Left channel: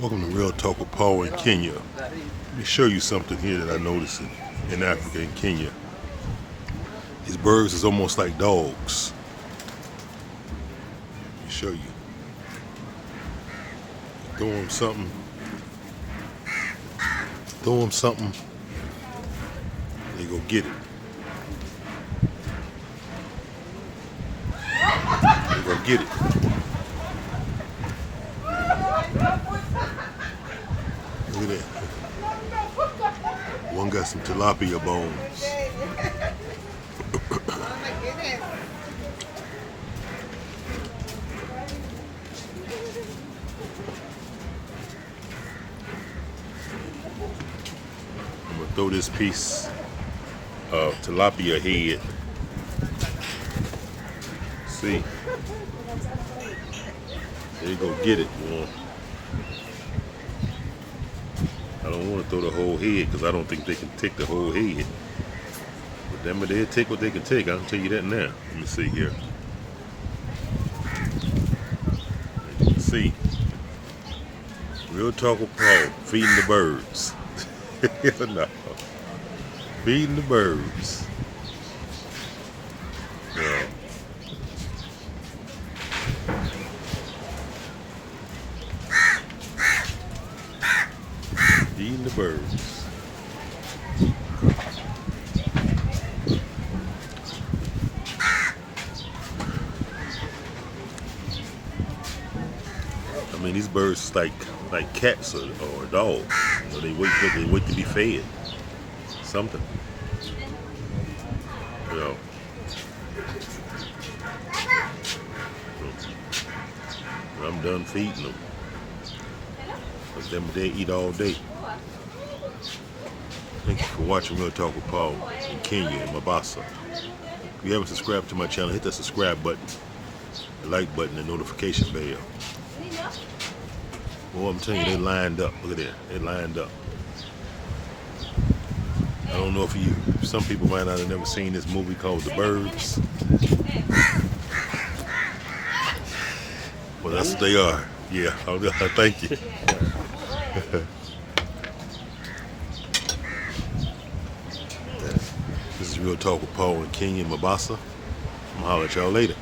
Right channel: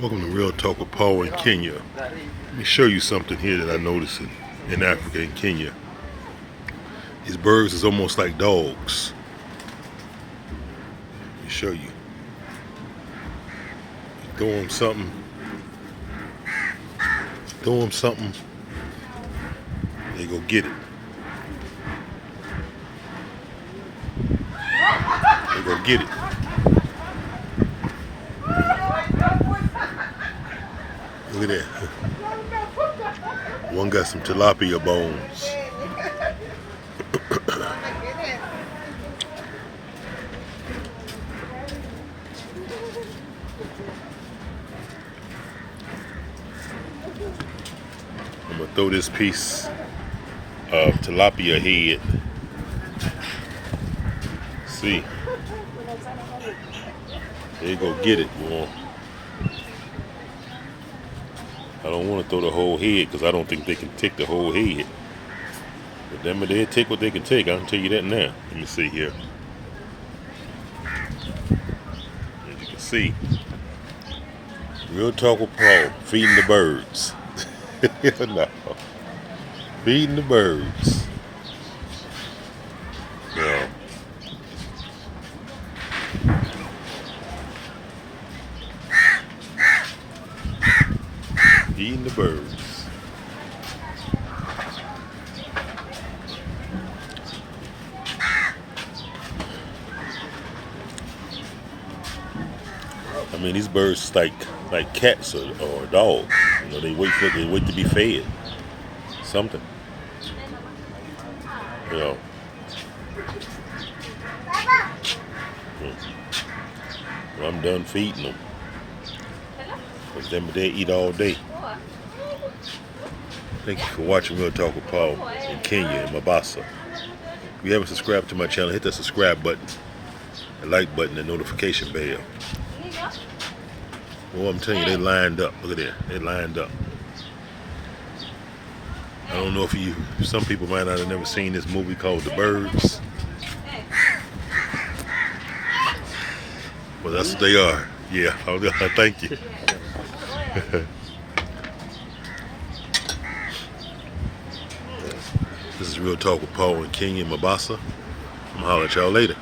Welcome to Real Talk with Paul in Kenya. Let me show you something here that I noticed in Africa and Kenya. These birds is almost like dogs. Let me show you. Throw them something, they go get it. They go get it. Look at that. One got some tilapia bones. I'm gonna throw this piece of tilapia head. See, there you go, get it, boy. I don't want to throw the whole head because I don't think they can take the whole head. But them, they'll take what they can take. I can tell you that now. Let me see here. As you can see, Real Talk with Paul, feeding the birds. No. Feeding the birds. No. Feeding the birds. I mean, these birds like cats or dogs. You know, they wait to be fed. Something. You know. When I'm done feeding them. But them they eat all day. Thank you for watching Real Talk with Paul in Kenya, in Mombasa. If you haven't subscribed to my channel, hit that subscribe button, the like button, and notification bell. Well, I'm telling you, they lined up. Look at that. They lined up. I don't know if some people might not have never seen this movie called The Birds. Well, that's what they are. Yeah, thank you. This is Real Talk with Paul in Kenya, Mombasa. I'm gonna holler at y'all later.